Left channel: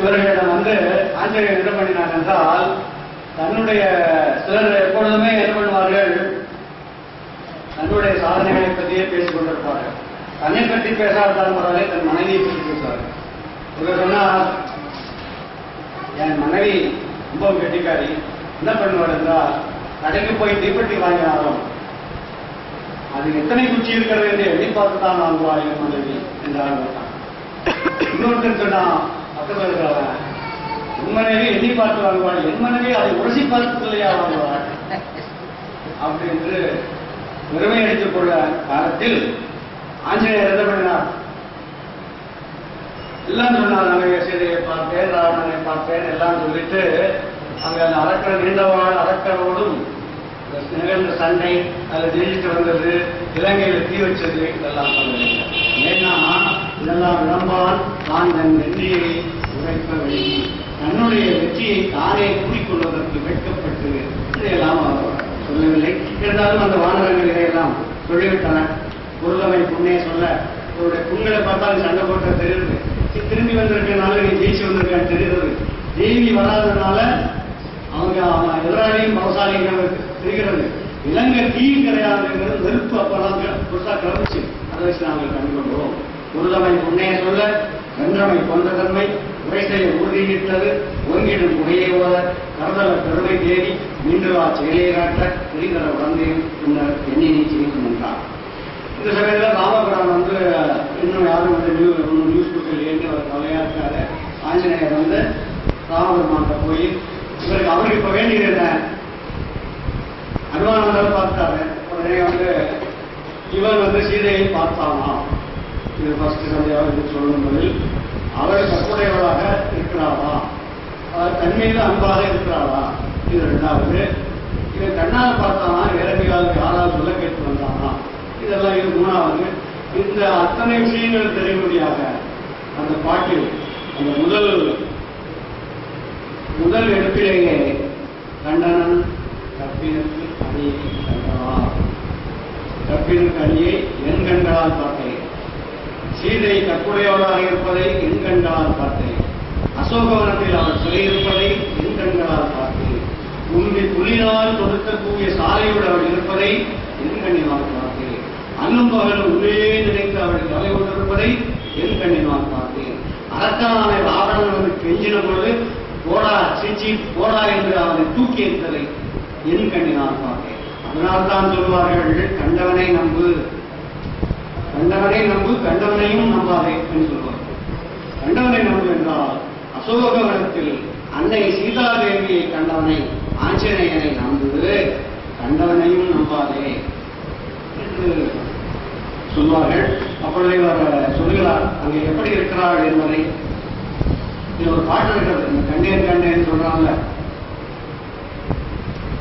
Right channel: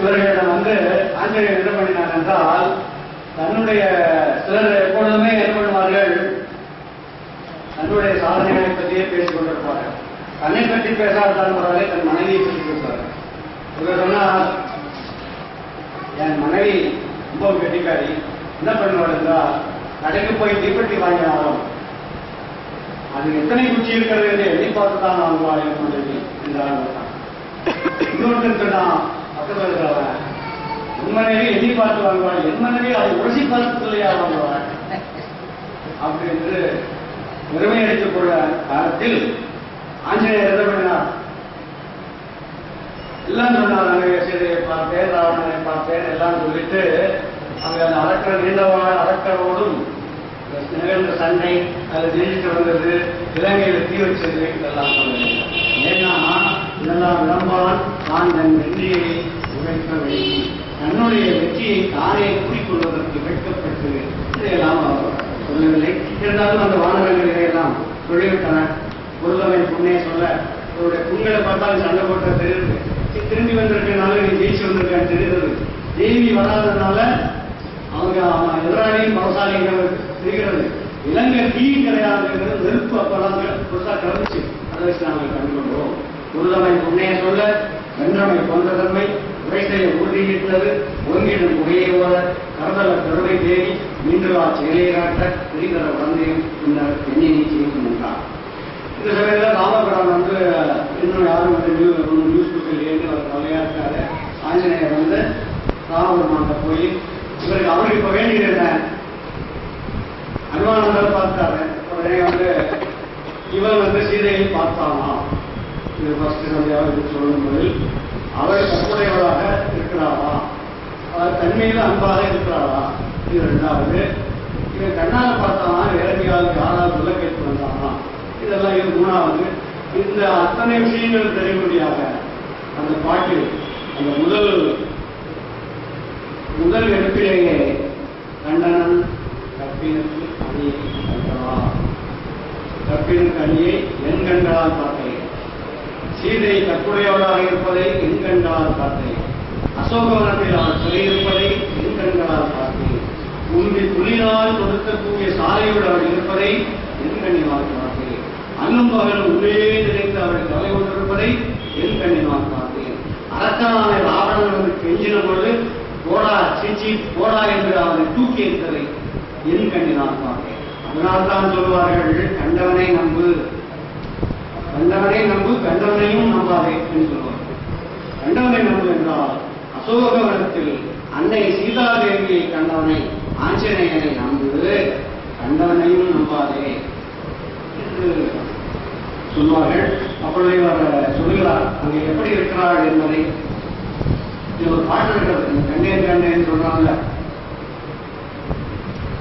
இவர்களிடம் வந்து ஆஞ்சநேயர் என்ன பண்ணினார் என்றால் தன்னுடைய சிலர் எப்பொழுதுமே என்ன பண்ணுவார்கள்? தன்னுடைய சாதனைகளை பற்றியே பேசிக் கொண்டிருப்பார்கள். தன்னை பற்றி பேசாதாலும் பரவாயில்லை தன் மனைவியை பற்றி பேசுவார்கள். இவர் சொன்னார் என் மனைவி ரொம்ப கெட்டிக்காரி என்ன பண்ணுவார் என்றால் கடைக்கு போய் தீப்பெட்டி வாங்கினாலும் அது எத்தனை குச்சி இருக்கிறது என்று எண்ணி பார்த்து தான் நான் என் மனைவி என்றால் இன்னொருத்தன் சொன்னான் பக்கத்தில் இருக்கிறவன் மனைவி எண்ணி பார்த்து வாங்குவாள் என் மனைவி அதை உரசி பார்த்து வாங்குவாள்? அப்படி என்று பெருமை அடித்துக் கொள்ள காலத்தில் ஆஞ்சநேயர் என்ன பண்ணினார்? எல்லாம் சொன்னார் அங்கே சீதையை பார்த்தேன் ராவணனை பார்த்தேன் எல்லாம் சொல்லிட்டு அங்க அந்த அரக்கர் நீண்டவாள் அரக்கரோடும் நிகழ்ந்த சண்டை அதில் ஜெயிச்சுட்டு வந்தது இலங்கையில் தீ வச்சது இதெல்லாம் சொன்னது ஏன்னா இதெல்லாம் விளம்பான் நான் என் வெற்றியை உழைக்க வேண்டி தன்னுடைய வெற்றியை தானே கூறிக்கொள்வதற்கு வெட்கப்பட்டு இதையெல்லாம் அவர் சொல்லவில்லை. இருந்தாலும் அந்த வானரங்கள் இதையெல்லாம் சொல்லிவிட்டன. பொருளமை புண்ணே சொல்ல அவருடைய புண்களை பார்த்தாலும் சண்டை போட்ட தெரியுது திரும்பி வந்திருக்கனால நீ ஜெயிச்சு வந்திருக்கான்னு தெரியுது தேவி வராதனால அவங்க அவன் எதிராளியும் பலசாலிங்கிறது தெரிகிறது. இலங்கை தீ கிடையாதுங்கிறது நெருப்பு அப்பெல்லாம் புதுசா கிளம்பிச்சு. அதை வச்சு நாங்கள் கண்டுகொள்வோம் உருதமை புண்ணைய சொல்ல வென்றமை கொன்ற தன்மை உரைசையை உறுதியிட்டது ஒருங்கிடும் புகையை ஓத கருதல பெருமை தேடி மீண்டு வா செயலை காட்ட பிரிதர வந்தேன் பின்னர் எண்ணினை செய்து என்றார். இந்த சமயத்தில் ராமபுரம் வந்து இன்னும் யாரும் வந்து நியூ நியூஸ் புக் இல்லையேன்னு அவர் கவலையா இருக்காரு ஆஞ்சநேயர் வந்து ராமபெருமான்கிட்ட போய் இவருக்கு அவருக்கு இப்ப வேண்டியது என்ன? அனுமானந்தால் பார்த்தாரு. உடனே வந்து இவர் வந்து சீதையை பார்த்தானா இது ஃபர்ஸ்ட் சந்தியாவது சொல்லும் பதில் அவர் கற்புடையவராக இருக்கிறாரா? அவர் தன்மையில அன்பாக இருக்கிறாரா? இது ரெண்டாவது இவன் கண்ணால் பார்த்தானா? இறங்கியால் யாராவது சொல்ல கேட்டு வந்தானா? இதெல்லாம் இது மூணாவது. இந்த அத்தனை விஷயங்கள் தெரியும்படியாக அந்த பாட்டில் அந்த முதல் முதல் எடுப்பிலேயே கண்டனன் கற்பினுக்கு அணியை கண்டார். கற்பினுக்கு அணியை என் கண்களால் பார்த்தேன் சீதை கற்புடையவளாக இருப்பதை எங்கண்களால் பார்த்தேன். அசோகவனத்தில் அவர் சொல்லியிருப்பதை எங்கண்களால் பார்த்தேன். உந்தி புலினால் கொடுக்கக்கூடிய சாலையோடு அவள் இருப்பதை எங்கண்ணினால் பார்த்தேன். அன்னும் பகலும் உள்ளே நினைத்து அவள் தலை கொண்டிருப்பதை எங்கண்ணினால் பார்த்தேன். அரக்கனான ராவணன் கெஞ்சின பொழுது போடா சிச்சி போடா என்று அவனை தூக்கி எறிந்ததை என் கண்ணினால் பார்த்தேன். அதனால்தான் சொல்வார்கள் கண்டவனை நம்பு. கண்டவனை நம்பு கண்டவனையும் நம்பாதே என்று சொல்வார்கள் கண்டவனை நம்பு என்றால் அசோகவனத்தில் அன்னை சீதாதேவியை கண்டவனை ஆஞ்சநேயனை நம்பு கண்டவனையும் நம்பாதே என்று சொல்வார்கள். அப்பொழுது இவர் சொல்கிறார் அங்கே எப்படி இருக்கிறாள் என்பதை. இது ஒரு பாட்டு இருக்கிறது. இந்த கண்டேன் கண்டேன் சொல்றாங்க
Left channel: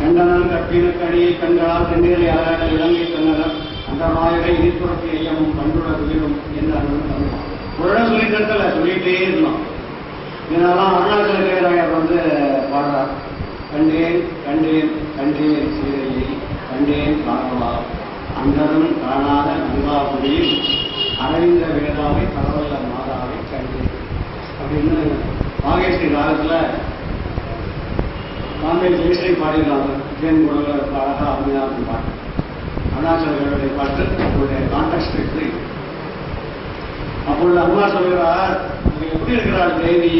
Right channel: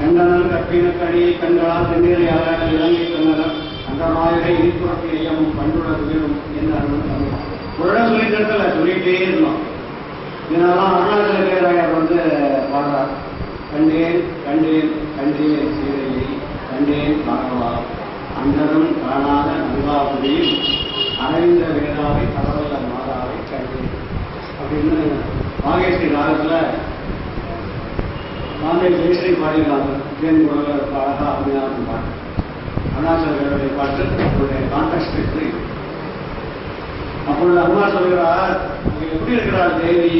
கண்டனன் கற்பினுக்கு கடியை கண்களால் கண்ணீரை ஆராட இலங்கை கண்ணனர் அந்த மாயரை இனிப்புறத்து ஐயமும் கண்டுட துயிலும் என்ன தமிழ் ஒரு சொல்லி தரத்துல சொல்லிட்டே இருந்தோம் இதனாலாம் அருணாச்சல தேவராயர் வந்து பாடுறார். கண்டேன் கண்டேன் கண்டேன் சீதையை கண்டேன் காணவா அன்னரும் காணாத அன்பாபுரியில் அரவிந்த வேதாவை தரவல்ல மாதாவை கண்டேன். அப்படின்னு பாகேஸ்வரி ராகத்துல பாம்பே ஜெயஸ்ரீ பாடியிருக்காங்க. ஜெயன் குரல அழகா அருமையாக பாட்டு. அருணாச்சலர்களுடைய பாட்டு அவருடைய கான்டாக்ட் எடுத்து அப்பொழுது அம்மா சொல்கிறார் அங்க எப்படி இருக்கிறார் தேவி?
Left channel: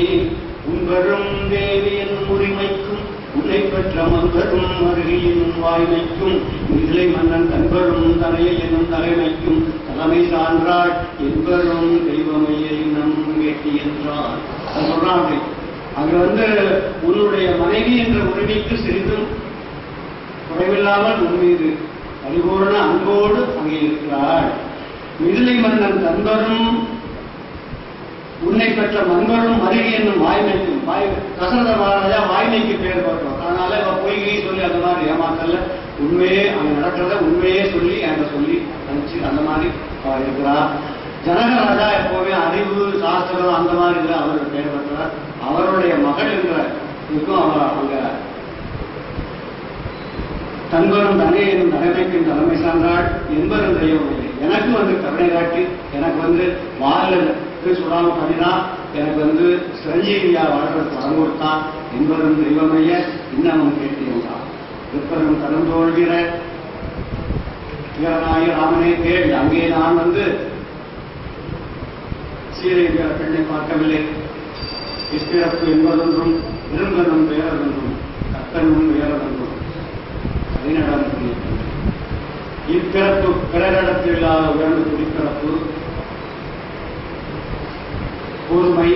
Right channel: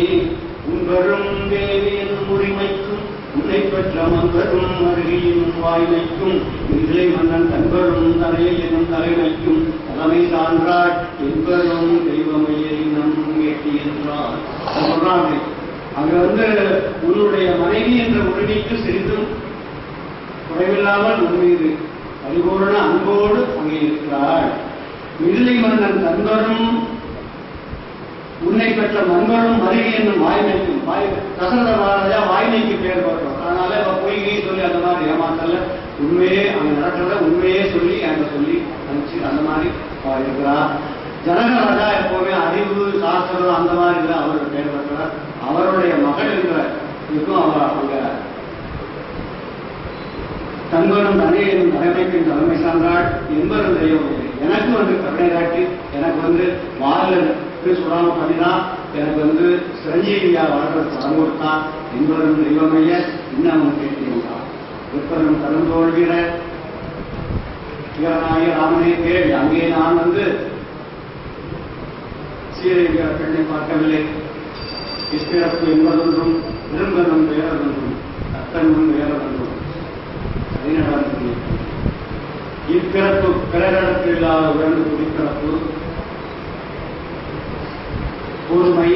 உன்பெரும் தேவியின் உரிமைக்கும் உன்னை பெற்ற மன்பெரும் அருகியின் வாய்மைக்கும் இதிலை மன்னன் தன்பெரும் தலையில் என்னும் தலைமைக்கும் தலைமை சான்றாள் என்பெரும் தெய்வமையை நம் எட்டி என்றார் சொல்றாங்க. அங்கு அங்க வந்து உன்னுடைய மனைவி என்ற உரிமைக்கு சிறிதும் குறைவில்லாமல் உன் மீது பரிபூரண அன்போடு அங்கே இருக்கிறாள் மிதிலை மன்னன் தன்வரும் உன்னை பெற்ற மன்வரும் மருகி என்னும் வாய்மைக்கும் வாய் தசரத மகாராஜா வாய்மைக்கு பேர் பெற்றோம் அதனால இப்ப பொய்கை சொல்லி அந்த மாதிரி ஏமாத்தல உண்மையே அங்க நடக்கிறத உண்மையே சொல்லி அங்க சொல்லி அனுப்பிச்சு அந்த மாதிரி இருக்கிறா ஜனக ராஜா எப்பவுமே அறிவு சாஸ்திரம் அந்த மாதிரி அவர் பேர் பெற்றவர் அவருடைய மகள் என்ற இதுக்கும் அவர் அங்க தங்களும் தனையனும் தலைமைக்கும் தலைமை சார்ந்தாள் என்பதும் தெய்வம் எனக்கு வந்து கருணை காட்டி எனக்கு வந்து வாரில் சொல்லாம பண்ணினா எனக்கு வந்து சிரஞ்சீவியா வாழ்றதுக்கு வரம் கொடுத்தான் என்பதும் தெய்வமைய இன்னமும் கேட்டீங்களா விற்பனும் தோல்கிற வீரனாகி ராமனை தேடி அங்கே நான் வந்து சீரை பெண்ணை பார்க்கவில்லை. இப்பிறப்பு என்பதொன்றும் விரும்பனும் வேறதொன்றும் கத்தனும் வேறதொன்றும் இப்பிறப்பு பிறரிடத்தில் இல்லாத உடல் குடிப்பிறப்பு பொறுமை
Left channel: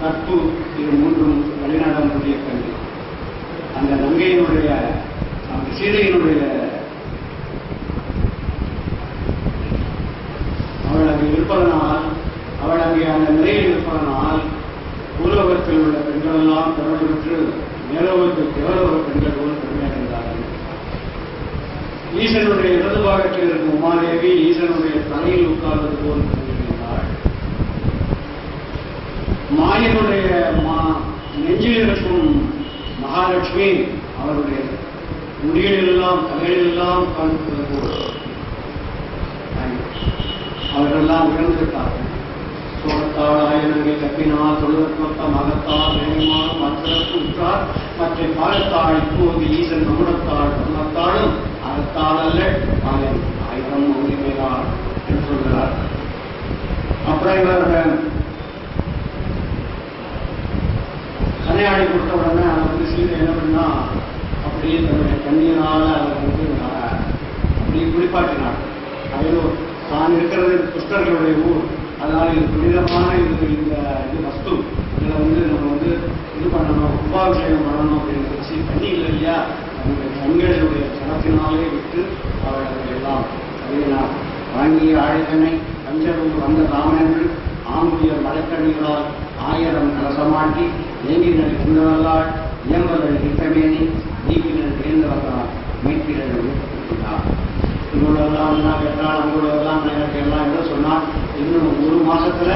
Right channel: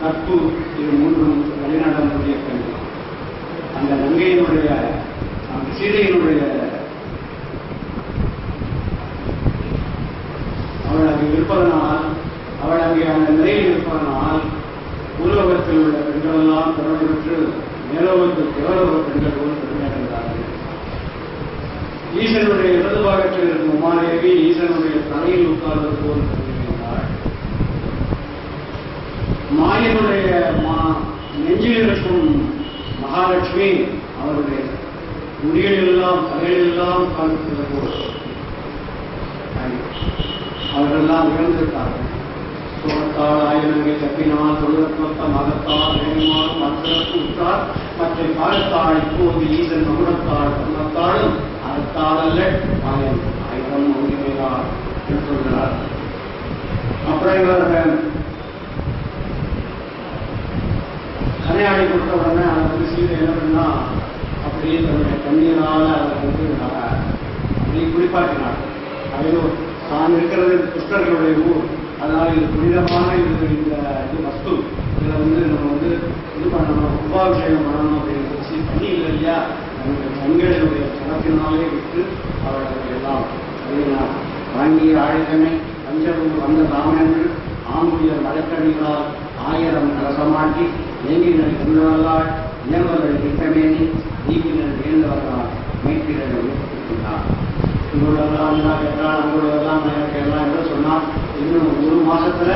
கற்பு இது மூன்றும் வழிநடனுடைய கல்வி. அந்த நங்கையினுடைய அந்த சீதையினுடைய அவள் அங்கே இருப்பதனால் அவள் அங்கே அந்த நிலையில் இருப்பதனால் உலோகத்தில் உள்ள பெண்களெல்லாம் திறமை பெற்று மேலோகத்தில் தேவலோக பெண்கள் போல் பெருமை ஈசனுடைய இடது பாகத்தில் இருக்கும் உமாதேவி ஈசனுடைய தலையில் உட்கார்ந்தது போல் பெருமையடைந்தாள் மாயனுடைய மா- நெஞ்சில் இருக்கும் மகாலட்சுமி அவருடைய முடிகளிலெல்லாம் தலையிலெல்லாம் உட்கார்ந்திருக்கிறது போல் அவர்களெல்லாம் உயர்ந்திருப்பார்கள் சுகத்தால் ஆயிரங்கை தப்பினால் தொழுதற்கொத்த மகத்தால் வேணுமால் மற்றற்கு உற்றார். மற்ற காலத்தால் இப்போது ஈசன் மகுடத்தால் தர்மத்தாலும் அறத்தால் அல்ல ஆயுதம் ஆயிரம் என்று சொல்கிறார் அப்புறம் இவர் கனையாடி கொடுத்த உடனே அதை வந்து சீதை என்ன பண்ணா அப்படியே தன்னுடைய கண்ணீரால் அதை வந்து அப்படியே குளிப்பாட்டினார். அதையும் தான் இருக்கிறது புஷ்கர்களுடைய ஊர். அதனால இது புனிதமான இது இந்த இது வஸ்து. இதில் வந்து நம்ம வந்து இது பண்ணணும் கும்பாபிஷேகம் பண்ணணும் அப்படின்னு வச்சு தண்ணி இல்லை இல்லையா? தங்களுடைய பணத்தினாலே விட்டு அவர்கள் எல்லாம் அறியலாம் வாங்கிய ஆயுதமே பஞ்சரும் வந்த ராமணர்கள் ஆம்புயர் மலைக்கணிகளால் ஆயிரம் கலசமாட்டி ஏங்கினர் குண்டலால் இயம்பர்கள் திட்டமேனி நீக்கினர் வேந்தவர்களால் மேற்கிறதை உயர்த்தினார் இவங்களெல்லாம் என்ன கேட்டால் அவங்களெல்லாம் எனக்கு எல்லாம் என்ன சொன்னால் இன்னும் ஒரு மாசத்துல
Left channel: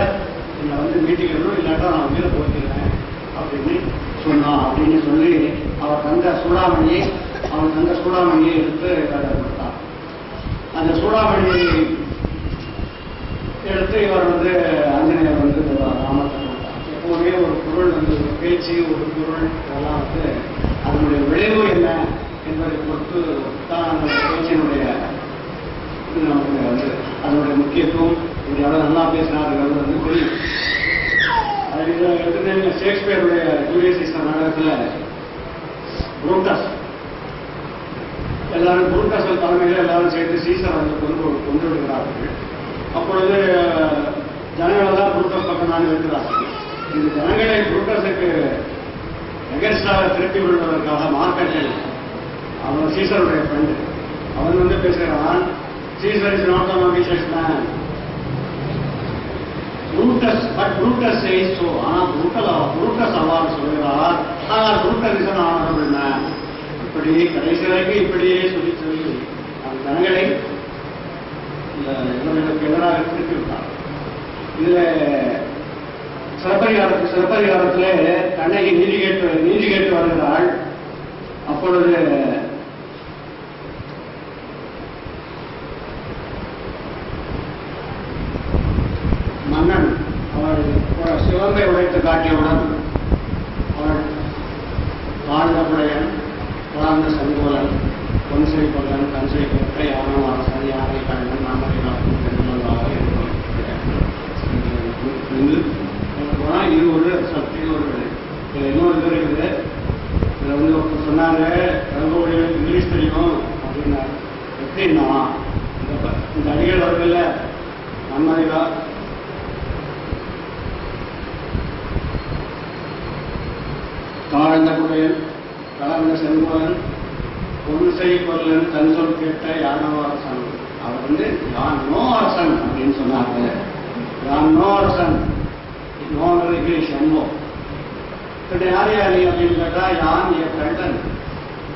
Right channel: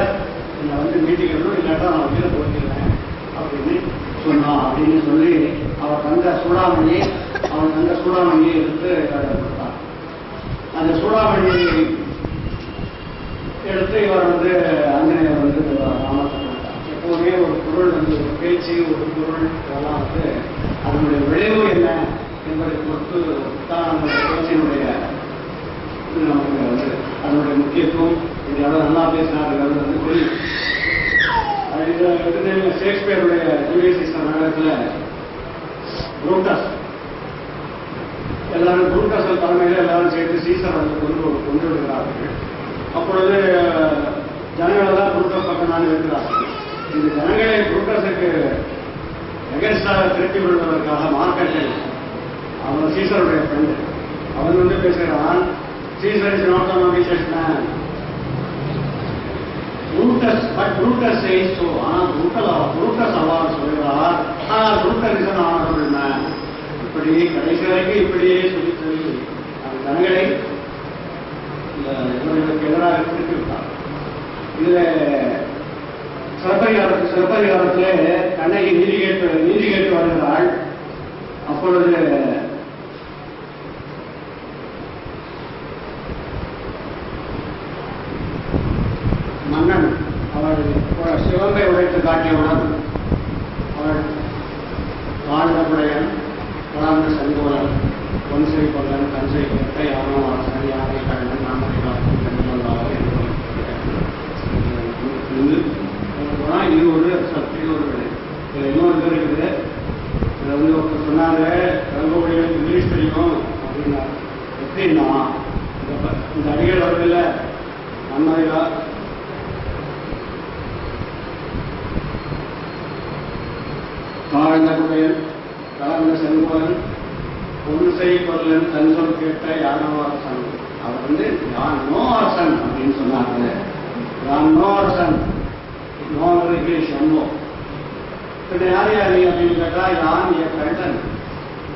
என்னை வந்து மீட்டிக்கணும் இல்லாட்டா நான் உயிரை போட்டிருக்கேன் அப்படின்னு சொன்னான். அப்படின்னு சொல்லி அவர் தந்த சூடாமணியை அவன் தந்த சூடாமணியை எடுத்து கொடுத்தார். அந்த சூடாமணியை எடுத்து இவர் வந்து ஆஞ்சநேயர் வந்து ராமத்தை கொடுத்தார் எப்போதுமே ஒரு பொருள் வந்து ஒரு பேச்சு ஒரு பொருள் இதெல்லாம் வந்து அதனுடைய விளைவு என்ன என்பதை பொறுத்து தான் அந்த பேச்சினுடைய இது நமக்கு வந்து அதனுடைய முக்கியத்துவம். இது நல்லா பேசினார்கள் வந்து புரியும் ஷேக்ஸ்பியருடைய ஜூலியஸ் நாடகத்தில் புரூட்டஸ் எல்லாரும் புரூட்டஸ் தலைமையில் எல்லாரும் சேர்த்து சீசர் வந்து கொண்டு கொண்டு விடுகிறார்கள் அப்பொழுது ஜனங்கள் எல்லாம் புரூட்டஸ் பக்கம் தான் இருக்கிறார்கள் இந்த ஜனங்களை புரூட்டஸுக்கு எகன்ஸ்டாக திருப்பி விடுவதற்காக மார்க்கெட்டில் அவன் சீசருடைய ஃப்ரெண்டு அவன் வந்து பேசுகிறான் Caesar is not an ambitious man Brutus but Brutus says so ஆனால் புரூட்டல் புரூட்டஸ் அவ்வாறு சொல்கிறார் ஆனால் புரூட்டல் இஸ் an இப்படியே இப்படி கடைசி வரைக்கும் இப்படியே சொல்லி சொல்லி அந்த ஜனங்களை இந்த எதிராக திருப்பி விட்டான் இதுல சிறப்பதிகாரத்து சிறப்பதிகாரத்திலே கண்ணகி நீதி கேட்டு நீதி கேட்டு வருகிறாள். அப்பொழுது மன்னன் அவள் சிவம்பை உடைத்து காட்டியவுடன் அவள் வாழ்ந்தபுடையன் வளர்ந்த செங்கோலன் பொன்சை கொல்லன் கஞ்சை கொட்டை யானவாசன் யானை கண்ணன் நாமரை காக்கும் பெண்மல்லாவை இது ஒரு சக்தி ஒரு விடை இதுல இன்னொரு இது இருக்குது இதுல வந்து ஒருத்தர் சொன்னாங்க ரங்கோடியில் இங்கிலீஷ் தெரியும் அப்படின்னா எப்படின்னா இந்த இந்த அடிகள் வருதுல்ல நன்மதிகா தாழ்ந்த குடையன் கலந்த செல்வன் பொன்சை கொல்லன் தன் சொல் கேட்ட யானோ அரசன். அவர் வந்து யான் நோ அரசன் அப்படின்னு சொன்னாங்க. யான் நோ அரசன். நோ இங்கிலீஷ் எம்மோ பின்ன யார் யார் நீ அப்படின்னு கேட்டா யான் என் கண்டன்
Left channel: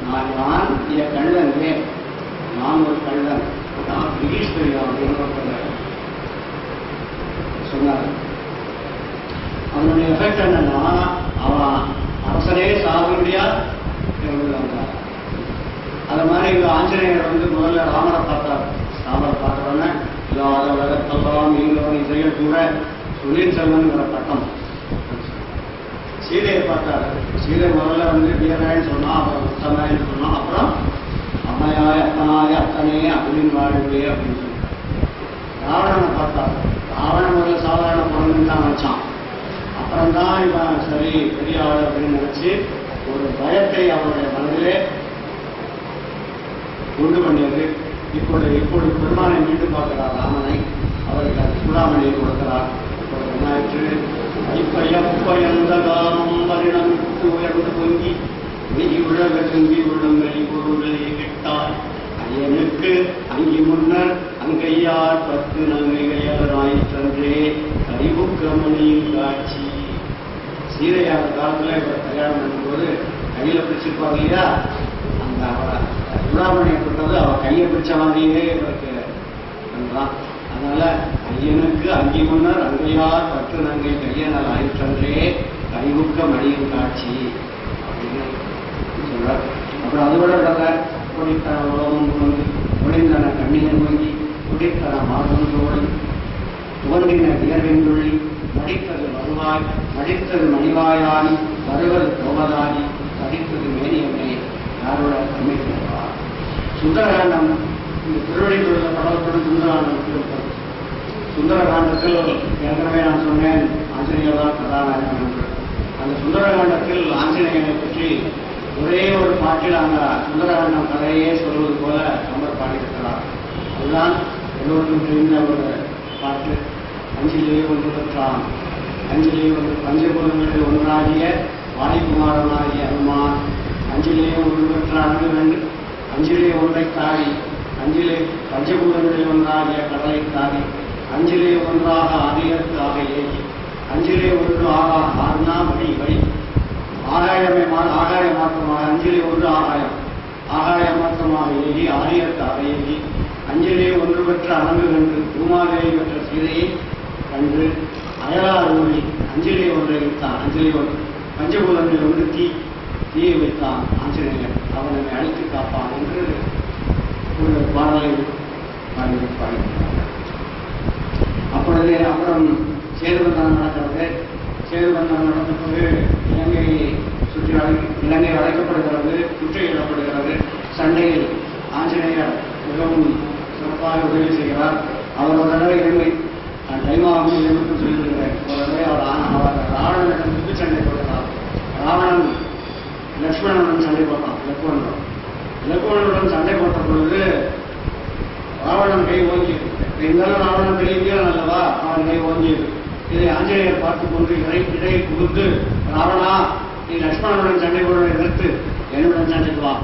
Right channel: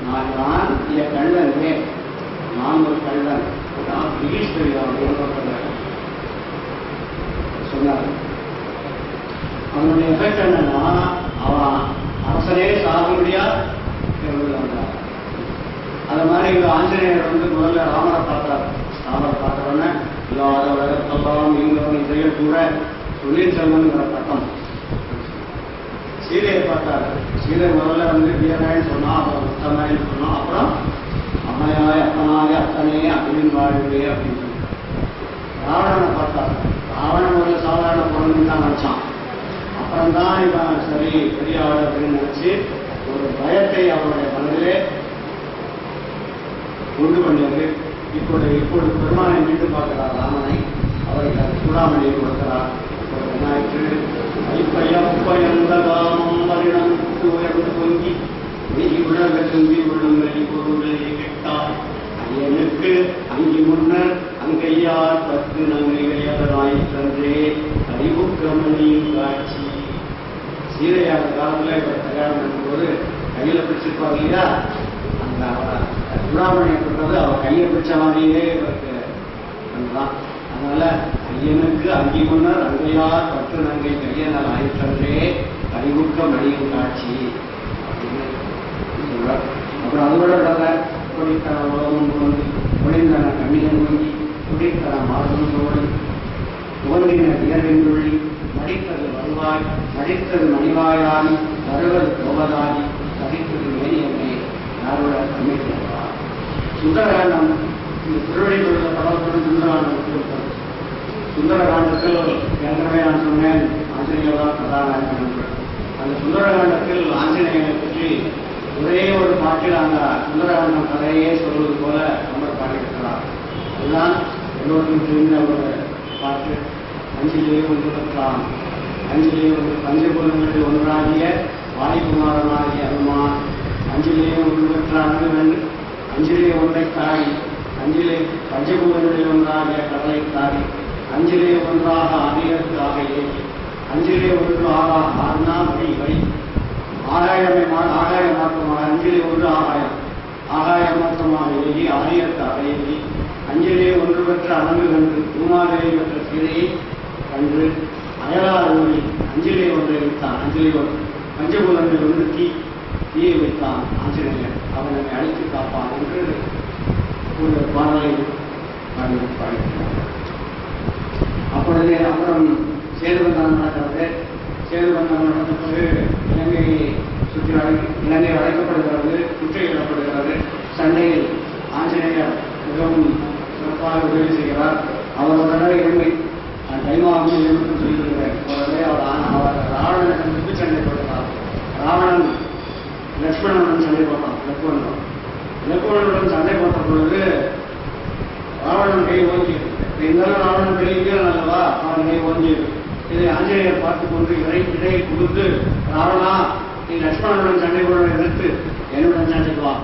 நான் யான் என் கள்ளன் ஏ நான் ஒரு கள்ளன் நான் பிரிட்டிஷ் அப்படின்னு சொன்னார். அவனுடைய எஃபெக்ட் என்னன்னா அவன். அரசனே சாகுபடியா இருந்து வந்தான் அது மாதிரி இங்க ஆஞ்சநேயர் வந்து முதல்ல ராமரை பார்த்தார். ராமரை பார்த்த உடனே இல்லாத உலகத்தெல்லாம் நீங்களும் இதையும் கூட தொழில் செல்வன்கிற பட்டம். சீதையை பார்த்தாரு. சீதை முதல்ல வந்து வீரன் சொன்னா அப்புறம் உத்தமாயின்னு சொன்னா அப்புறம் அம்மையாய அப்பனாய அத்தனையே அப்படின்னு வாழ்வே அப்படின்னு சொல்லிட்டார் ராவணனை பார்த்தா ராவணன் ஒரு சாதாரண பொருள்னு தான் நினைச்சான். அப்புறம்தான் இவன் சரி பெரிய ஆள் அப்படின்னு நினைச்சு ஒரு பயத்தை அவருடைய மனதிலே உண்டு பண்ணியது. இப்பொழுது இப்பொழுது பெருமானை மீண்டும் பார்க்கிறார் ராமனை. அவருக்கு அந்த சூடாமணியை கொடுக்கிறார். இப்பொழுது என்னாயிற்று ஐப்பையப்பயந்த காமம் வருடம் உயர்ந்து பொங்கி வெயி உலக செந்தி விழும் பொருளை கிட்டார் ஐயனுக்கு அங்கி முன்னர் அங்கையார் பத்து நங்கையராய் தன்றே அறிவுக்கமணியின் காட்சி. சீதையார் காலத்துல இவர் கல்யாணம் பண்ணும்போது கையில பிடிச்சிருப்பாங்க இல்லையா? அந்த அவரை. சூடாமணியை கொடுத்தது அவர் கையை பிடிச்ச மாதிரியே இவருக்கு அதனால ஐயனுக்கு அங்கி முன்னர் அங்கையார் பத்து நங்கை கையனால் ஆயிற்றன்றே கைவுக்க மணியின் காட்சி. அப்புறம் அதோட விட விடல உலகம் தோன்றி ஒளிந்தன கண்ணியன் வங்கி குடித்தன மாதம் தோழி துவங்கின வியர்வின் துள்ளி நடித்தது வருவாய் நடித்தது மணிவாயாகி வருவது தோமதானி படித்தது மேனியம்மே யாரோட அமைக்கிறார் சுந்தரகாண்டம் இந்த உள்ள படத்துடன் சுந்தரகாண்டம் சுந்தரகாண்டத்தில் ஏற்கனவே நான் சொன்னேன் ஆஞ்சநேயர் கதாநாயகன் என்று. அந்த சுந்தரகாண்டத்தில் ஆஞ்சநேயனை பற்றி ஒரே ஒரு பாட்டில் அந்த சுந்தரவண்ணம் கதையே சொல்வது போல அவர் பாடியிருக்கிறார். அதுதான் எல்லோருக்கும் தெரிந்த ஒரு பாட்டு. அஞ்சிலே ஒன்று பெற்றான் அஞ்சிலே ஒன்று பஞ்சபூதங்களில் ஒன்றாகிய வாணிகுமாரனாகிய அனுமான். அஞ்சிலே ஒன்று பெற்ற அணுகன் அஞ்சிலே ஒன்றை தாரி அஞ்சிலே பஞ்சபூதங்களில் ஒன்றாகிய கடலை தாரி அஞ்சிலே ஒன்றாக ஆதியத்து அஞ்சிலே ஒன்று ஆகா ஆறுனா வழி வழி ஆகாயமே மா- ஆகாய மாற்றமாக அஞ்சலி ஒன்று ஆகாயம். ஆகாய மாற்றமாக எழுதி ஆரியத்து ஆக அஞ்சலியை ஒன்று பெற்ற அணங்கு கண்டு பூமாதேவி பெற்ற சீதையை கண்டு அயலார் ஊழி அஞ்சலி ஒன்றை வைத்தான் அஞ்சலி ஒன்று. பஞ்சபூதங்களில் ஒன்று தீ தீயை வைத்தான் ஆஞ்சநேயர். அவன் என்னை அழித்து காப்பான் என்று ஒரு பாடலை பாடி அப்பொழுது அப்புறம் சேர்வதான் நடக்கிறது சேதுபந்தனம் நடந்த பிறகு இலங்கை சுற்றி வளை- இலங்கை வளைக்கப்படுகிறது முற்றுகையிடப்படுகிறது சண்டையில் ஆஞ்சநேயர் மிகவும் சிறப்பாக உதவி செய்கிறார். அவருடனே இலங்கை நான் கைமாவும் எதிர்ப்பு சொல்லியிருக்கிறேன் அவரே அவர் ஆ- அவர் ராவணனிடம் முத்து சண்டை போடுகிறார். ராவணன் லட்சுமணனுடன் சண்டை போட்டான் லட்சுமணனுடன் லட்சுமணனுடன் சண்டை போட்ட பொழுது ராவணன் கை ஓங்கியது. இருந்தாலும் ராவணன் கை வீரன் அல்லவா அவன் கை ஓங்கியது. இதை ஆஞ்சநேயர் பார்த்துக் கொண்டு இறை இடையை புகுந்து ராவணா நீ லட்சுமணனுடன் சண்டை போட எதிர்த்து என்னுடன் சண்டைக்கு வா.